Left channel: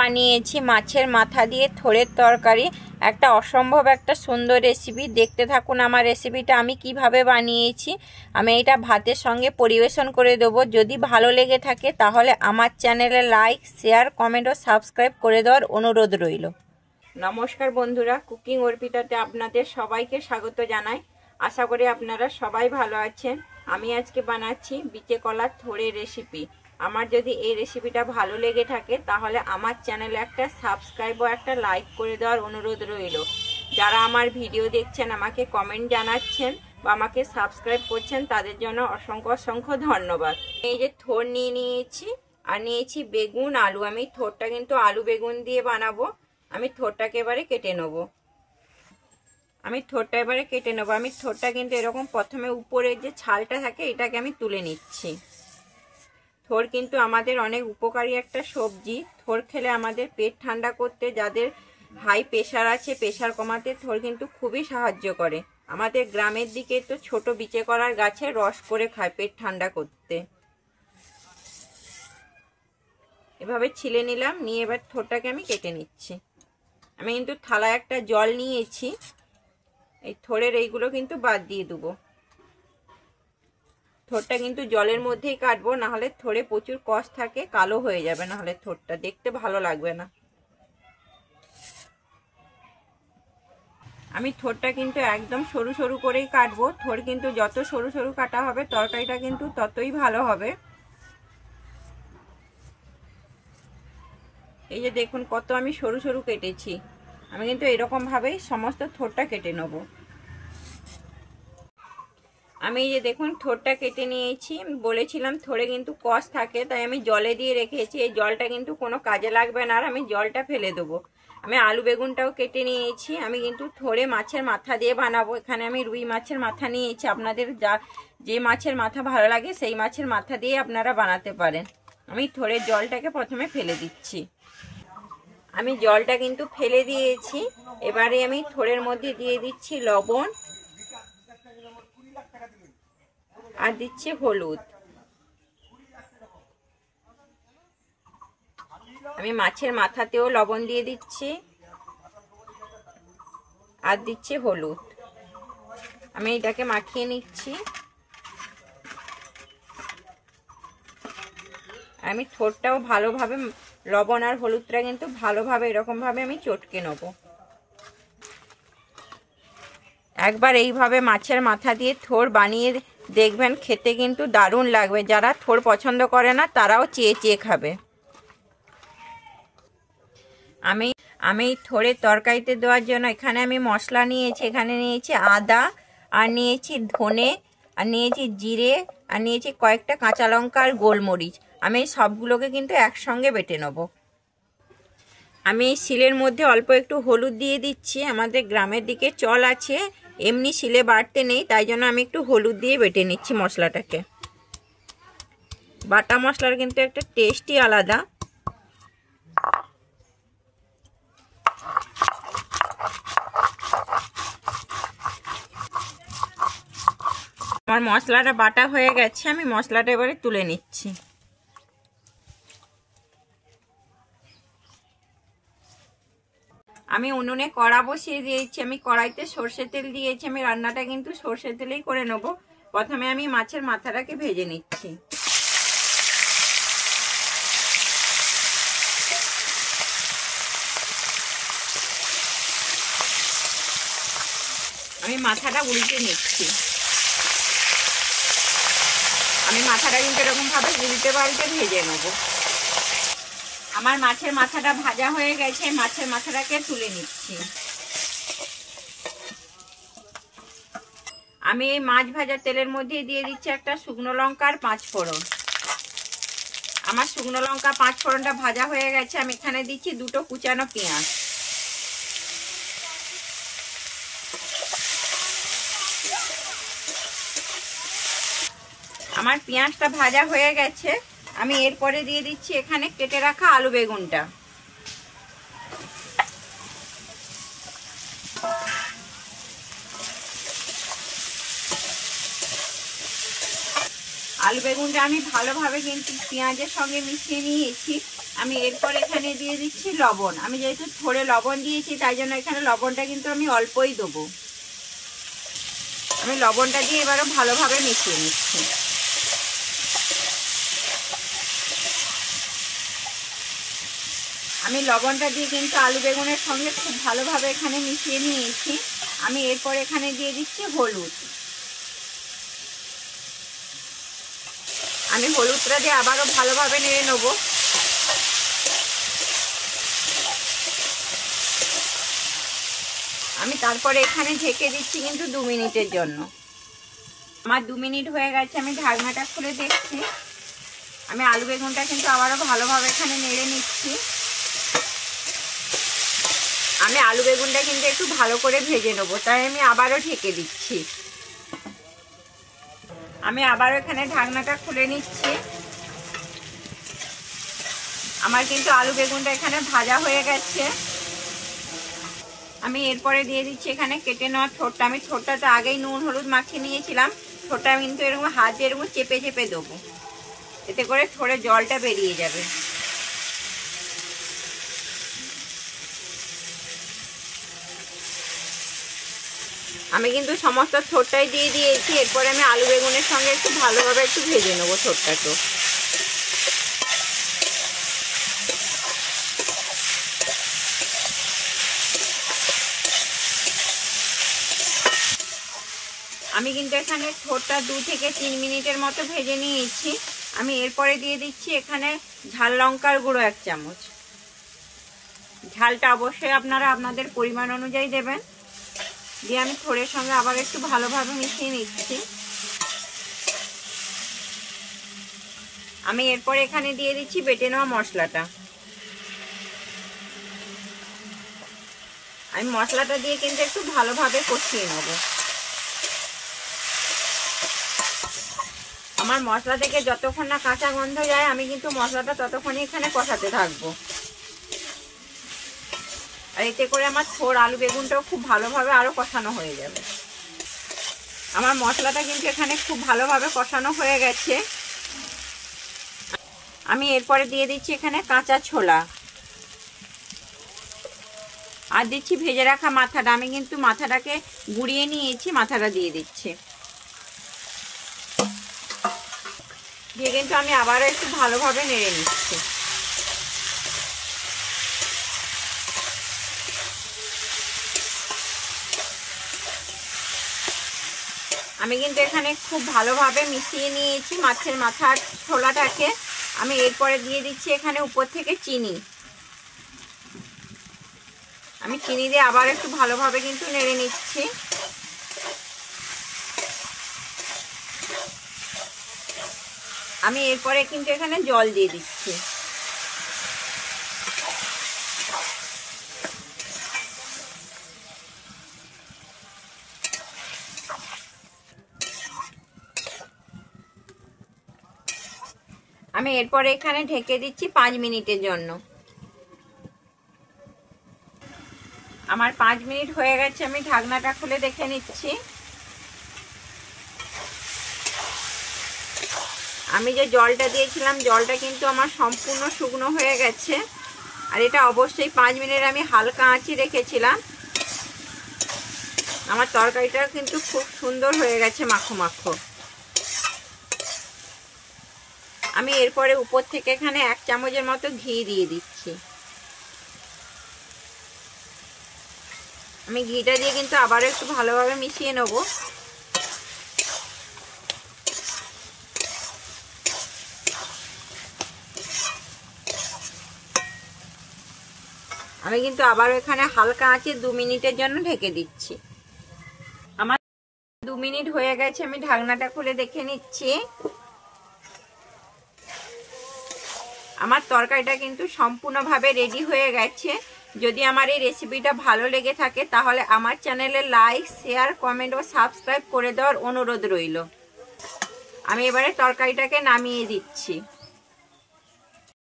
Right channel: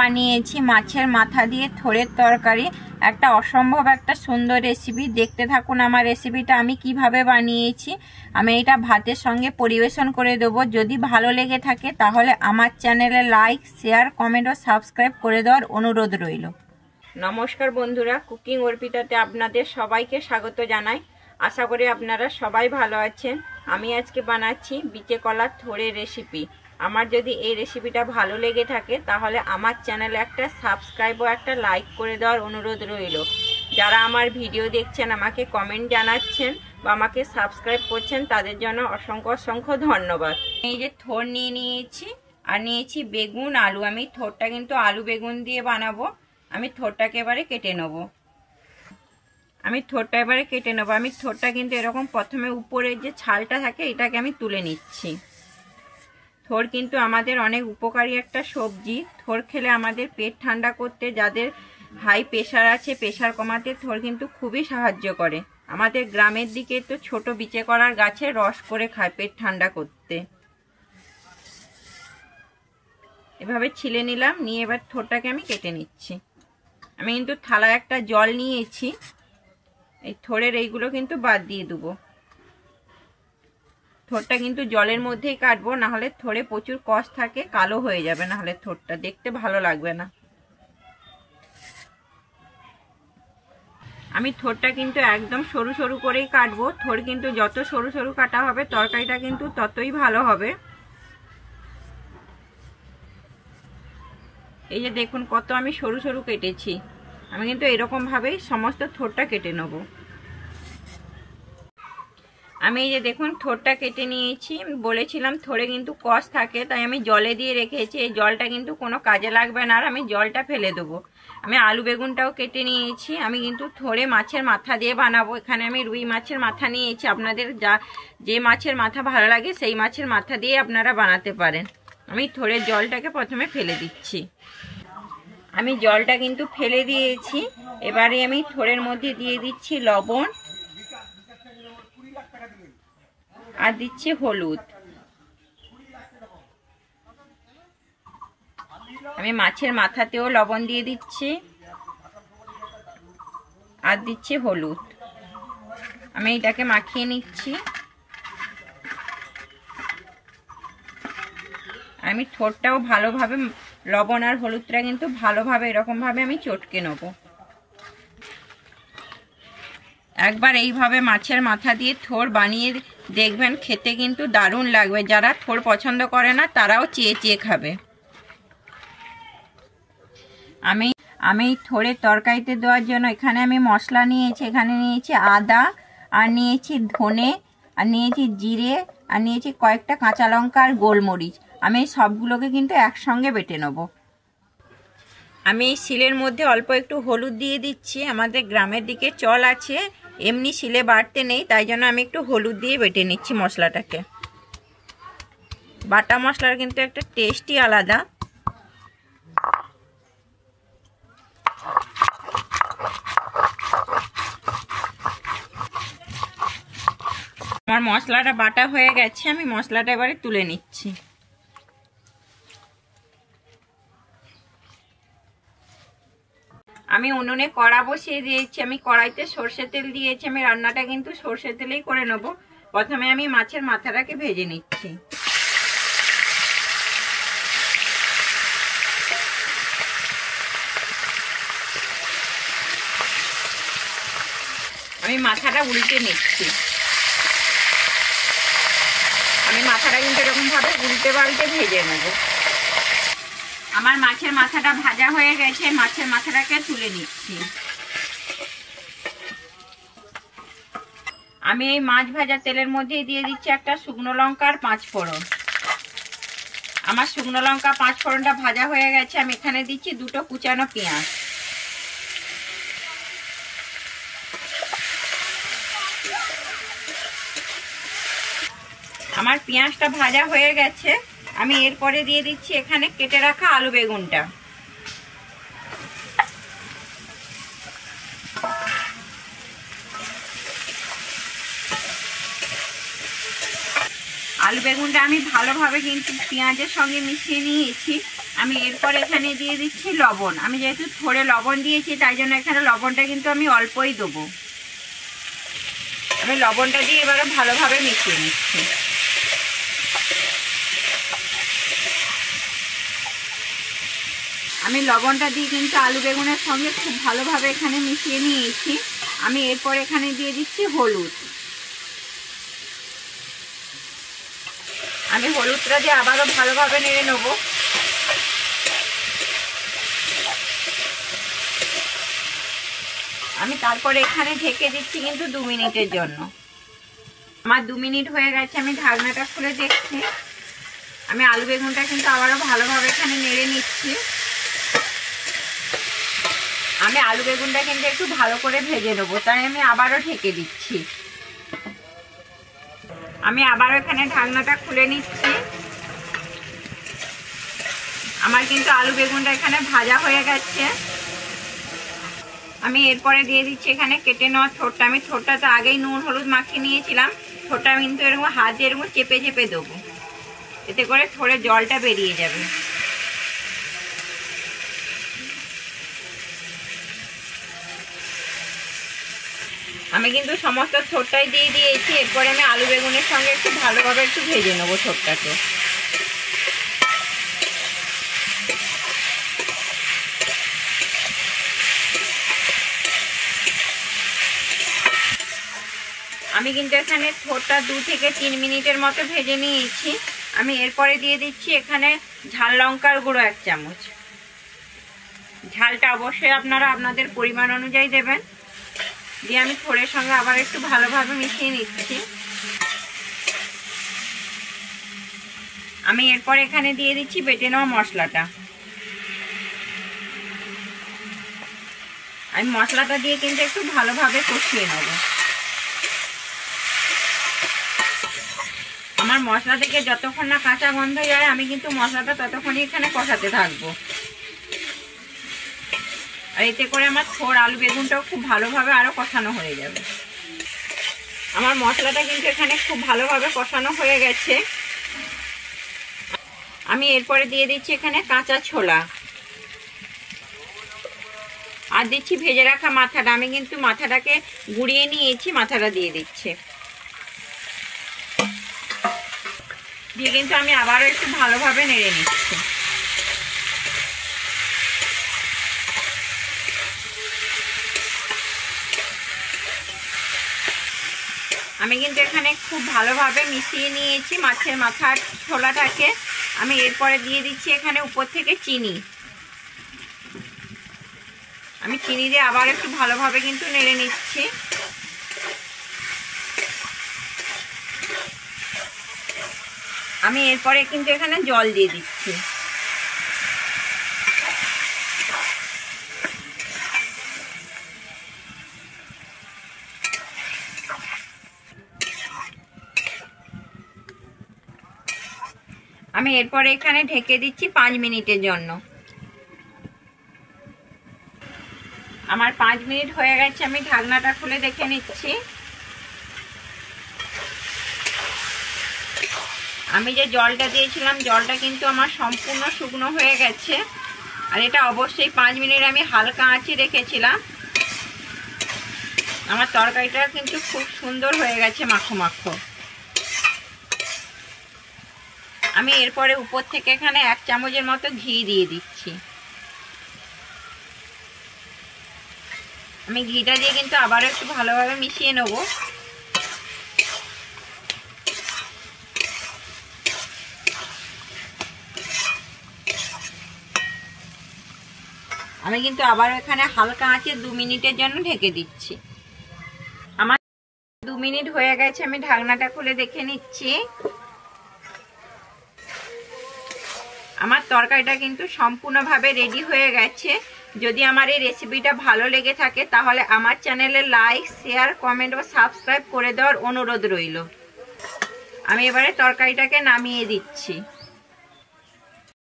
বানিয়েছি মাছের মাথা দিয়ে থোড়ের তরকারি। একটা অসম্ভব একটা সুন্দর রেসিপি। দেখতে থাকুন আমার রেসিপিটা আমি কিভাবে বানিয়েছি। আমি এটা ভাতের সঙ্গে পরিবেশন করে দেবো। যদি ভালো লেগে থাকে তাহলে আমার চ্যানেলে লাইক, শেয়ার, কমেন্ট ও সাবস্ক্রাইব করে দেওয়ার অনুরোধ রইল। নমস্কার বন্ধুরা, কুকিং অর্পিতাতে আপনাদের সবাইকে স্বাগত জানাই। আশা করি আপনারা সবাই ভালো আছেন। আমি আজকে বানাচ্ছি বিচে কলার থোড়ের রেসিপি। আমার যদি এই রেসিপিটা ভালো লেগে থাকে তাহলে আমার চ্যানেলে একটা সাবস্ক্রাইব ও একটা লাইক করে দেওয়ার অনুরোধ রইল। যারা আমার ভিডিও দেখছেন, আমাকে কমেন্ট জানাচ্ছেন বা আমাকে সাবস্ক্রাইব করছেন, তাদের জন্য অসংখ্য অসংখ্য ধন্যবাদ। এই যে থোড় নিয়ে নিয়েছি আর নিয়েছি বেগুন, আলু। আমি থোড়টা কিন্তু আলু বেগুন দিয়ে বানাবো। আমি থোড়টাকে এবারে কেটে নেবো। আমি থোড়টা কিন্তু এরকম প্রথমে উপরে যে ছালটা থাকে এটাকে আমি তুলে নিচ্ছি। থোড় কিন্তু আমাদের অনেক উপকারী একটা সবজি। থোড় খেলে আমাদের পেট ঠান্ডা করতে, যাদের হাই প্রেশার আছে, প্রেশার কমাতে থোড় কিন্তু খুবই সাহায্য করে। আমাদের গ্রামের দিকে তো ছোট বিচে কলার গাছে রস করে খায় পেট ঠান্ডা করতে। এভাবে ছিলে নিলাম, নিয়ে এবার থোড়টাকে আমি কেটে নিচ্ছি। আমি কিন্তু থালায় একটা জল নিয়েছি। এই থোড়ের এইগুলো কিন্তু বাদ দিয়ে দেবো। থোড়টা কিন্তু জলের মধ্যেই কাটবো, নাহলে থোড়ে প্রচুর কষ থাকে, কালো হয়ে যাবে, নাহলে থোড়টা দেখতে ভালো লাগবে না। আমি থোড়টা কিন্তু একদম সরু সরু করেই কাটবো। থোড় কিন্তু যত সরু সরু কাটা হবে তরকারিটা কিন্তু ততই ভালো হবে। এই যে দেখুন কত আমি সরু সরু কেটেছি। আমি কিন্তু এরকম ভাবেই সমস্ত থোড়টা কেটে নেব। আমি এই যে দেখুন থোড়টা কেটে নিয়েছি। বলেছিলাম থোড়ে কিন্তু কষ থাকে, তাই আমি জলে দিয়ে রেখেছি। এই জলটা কিন্তু কোনো কাজে লাগবে না, আর আমি জলটা ফেলে দেবো। আমি আলু বেগুনটাও কেটে নিয়েছি। আমি কিন্তু থোড়ে মাছের মাথা দিয়ে বানাবো। এখানে আমি রুই মাছের মাথা নিয়েছি। আপনাদের যে মাছের মাথা ভালো লাগে সেই মাছের মাথা দিয়ে আপনারা বানাতে পারেন। আমি থোড়ের জলটাকে প্রথমে ফেলে দিচ্ছি। আমি জলটা কিন্তু ফেলে দিয়েছি। এবারে আমি থোড়ের মধ্যে দিয়ে দিচ্ছি লবণ আর দিচ্ছি হলুদ। আমি মাছের মাথাতেও লবণ দিয়ে দিচ্ছি আর দিচ্ছি হলুদ। আমি এটাকে মাখিয়ে নিচ্ছি। আমি থোড়টাও ভালোভাবে লবণ আর হলুদটা কিন্তু ভালোভাবে এরকমভাবে আমি চটকে নেব। একবার এইভাবে মাছের মাথা দিয়ে থোড় বানিয়ে দেখবেন, খেতে কিন্তু দারুণ লাগবে। যারা থোড় পছন্দ করে না তারাও চেয়ে চেয়ে খাবে। আমি থোড়ের তরকারিতে দেওয়ার জন্য এখানে আমি মশলা নিয়েছি। এখানে নিয়েছি আদা, আর নিয়েছি ধনে, আর নিয়েছি জিরে, আর নিয়েছি কয়েকটা কাঁচা লঙ্কা আর গোলমরিচ। আমি সবগুলোকে কিন্তু একসঙ্গে বেটে নেব। আমি শিলের মধ্যে অল্প একটু হলুদ দিয়ে দিচ্ছি। আমাদের গ্রামের দিকে চল আছে, এমনি শিলে বাটতে নেই, তাই জন্য আমি একটু হলুদ দিয়ে বেটে নিচ্ছি মশলাটাকে। বাটা মশলার কিন্তু একটা টেস্টই আলাদা। আমার মশলাটা বাটা হয়ে গেছে। আমি মশলাটা এবারে তুলে নিচ্ছি। আমি উনুনে কড়া বসিয়ে দিয়েছি। আমি কড়াইতে সর্ষে তেল দিয়েছি। আমি রান্নাটা কিন্তু সর্ষে তেলেই করে নেব। প্রথমে আমি মাছের মাথাটাকে ভেজে নিচ্ছি। আমি মাথাটা উল্টে নিচ্ছি। আমি মাথাটা কিন্তু এরকম ভাবে উল্টে পাল্টে ভেজে নেব। আমার মাছের মাথাটা ভাজা হয়ে গেছে। মাছের মাথাটাকে তুলে নিচ্ছি। আমি এই মাছ ভাজা তেলের মধ্যে দিয়ে দিচ্ছি একটা শুকনো লঙ্কা আর 5 ফোড়ন। আমার শুকনো লঙ্কা 5 ফোড়নটা ভাজা হয়ে গেছে। আমি এখানে দিচ্ছি 2টো কুচানো পেঁয়াজ। আমার পেঁয়াজটা ভাজা হয়ে গেছে। আমি এরপরে দিয়ে দিচ্ছি এখানে কেটে রাখা আলু বেগুনটা। আলু বেগুনটা আমি ভালোভাবে কিন্তু পেঁয়াজের সঙ্গে মিশিয়ে নিয়েছি। আমি এরপর এখানে দিয়ে দিচ্ছি লবণ। আমি যেহেতু থোড়ে লবণ দিয়েছি তাই জন্য এখানে লবণটা কিন্তু আমি অল্পই দেবো। আমি লবণটা দিয়ে এবারে ভালোভাবে মিশিয়ে নিচ্ছি। আমি লবণটা দিয়ে কিন্তু আলু বেগুনের সঙ্গে খুব ভালোভাবে এখানে মিশিয়ে নিয়েছি। আমি এরপর এখানে দিয়ে দিচ্ছি হলুদ। আমি হলুদটা দিয়ে আবারও ভালোভাবে নেড়ে নেব। আমি তারপরে এখানে ঢেকে দিচ্ছি কিন্তু 2 মিনিটের জন্য। আমার 2 মিনিট হয়ে গেছে। আমি ঢাকনাটা খুলে দেখছি। আমি আলু বেগুনটা কিন্তু আবারও ভালোভাবে এখানে নেড়ে নিচ্ছি। আমি আলু বেগুনটা কিন্তু একটু ভালো করে ভেজে নেবো, তাই আমি আবারও ঢেকে দিচ্ছি। আমি আবারও এখানে ঢাকনাটা খুলে নিচ্ছি। আমার কিন্তু আলু বেগুনটা এখানে ভাজা হয়ে গেছে। আমি এরপরে দিয়ে দিচ্ছি এখানে কেটে নেওয়া ছোটটা। আমি ছোটটাতে আগেই নুন হলুদ মাখিয়ে নিয়েছিলাম। ছোটটা কিন্তু এরকম হাত দিয়ে এরকম চেপে চেপে দেবো, এতে করে থোড়ে জলটা বেরিয়ে যাবে। আমি কিন্তু সমস্ত ছোটটাই দিয়ে দিয়েছি। এরপরে আমি আলু বেগুনের সঙ্গে একটু ভালোভাবে একটু ভেজে নেবো ছোটটাকে। আমি কিন্তু এখানে ছোটটা 2 থেকে 3 মিনিটের মতো ভেজে নিয়েছি। আমি এরপরে দিয়ে দিচ্ছি এখানে ঝাল লঙ্কার গুঁড়ো 1 চামচ। ঝালটা অবশ্যই আপনারা আপনাদের পরিমাণ অনুযায়ী দেবেন। দিয়ে আমি থোড়ের সঙ্গে আবার একটু ভালোভাবে মিশিয়ে নিচ্ছি। আমি এরপর এখানে দিয়ে দিচ্ছি বেটে নেওয়া মশলাটা। আমি মশলাটা দিয়ে কিন্তু একটু ভালোভাবে কষিয়ে নেব। আমার মশলা থেকে যতক্ষণ না কাঁচা গন্ধ যায় আমি কিন্তু মশলাটা ততক্ষণই এখানে কষাতে থাকবো। আর এতে করে আমার থোড় আলু বেগুনটাও খুব ভালোভাবে আরও কষানো হয়ে যাবে। আমার মশলাটা কিন্তু এখানে খুব ভালোভাবে কষানো হয়ে গেছে। আমি এরপরে দিয়ে দিচ্ছি এখানে কাঁচা ছোলা, আর দিচ্ছি ভেজে রাখা মাথাটা। আমি কিন্তু মাথাটাকে গুঁড়িয়ে নিয়েছি, মাথাটা দিয়ে দিচ্ছি। দিয়ে কিন্তু আমি আবারও একটু ভালোভাবে নেড়ে নিচ্ছি। আমি কিন্তু এখানে খুব ভালোভাবে মিশিয়ে নিয়েছি মাছের মাথার ছোলাটাকে। আমি এরপরে দিয়ে দিচ্ছি এখানে উপর থেকে চিনি। আমি চিনি দিয়ে আবার একটু ভালোভাবে কিন্তু নেড়ে নিচ্ছি। আমি এরপরে কিন্তু এখানে জল দিয়ে দিচ্ছি। আমি এরপরে এখানে ঢেকে দিচ্ছি 5 মিনিটের জন্য। আমার 5 মিনিট হয়ে গেছে। আমি ঢাকনাটা খুলে দেখে নিচ্ছি। আমি যে জলটা দিয়েছিলাম জলটা কিন্তু আমার সম্পূর্ণ শুকনো হয়ে গেছে। আর এটা অবশ্যই 5 মিনিট আমি হালকা আঁচে রেখেছিলাম। আমার তরকারিটা কিন্তু খুব সুন্দর হয়ে গেছে, মাখো মাখো। আমি এরপরে উপর থেকে এখানে 1 চামচের মতো ঘি দিয়ে দিচ্ছি। আমি ঘিটা দিয়ে কিন্তু আবারও একটু ভালোভাবে মিশিয়ে নেব। আমি কিন্তু আবারও এখানে হালকা আঁচে 2 মিনিটের জন্য ঢেকে দিচ্ছি। আমার 2 মিনিট হয়ে গেছে। আমি ঢাকনাটা খুলে দেখে নিচ্ছি। আমার তরকারিটা কিন্তু সম্পূর্ণভাবে রেডি হয়ে গেছে। যদি আমার এই রেসিপিটা ভালো লেগে থাকে তাহলে আমার চ্যানেলে লাইক, শেয়ার, কমেন্ট ও সাবস্ক্রাইব করে দেওয়ার অনুরোধ রইল। আমি এবারে তরকারিটাকে নামিয়ে দিচ্ছি।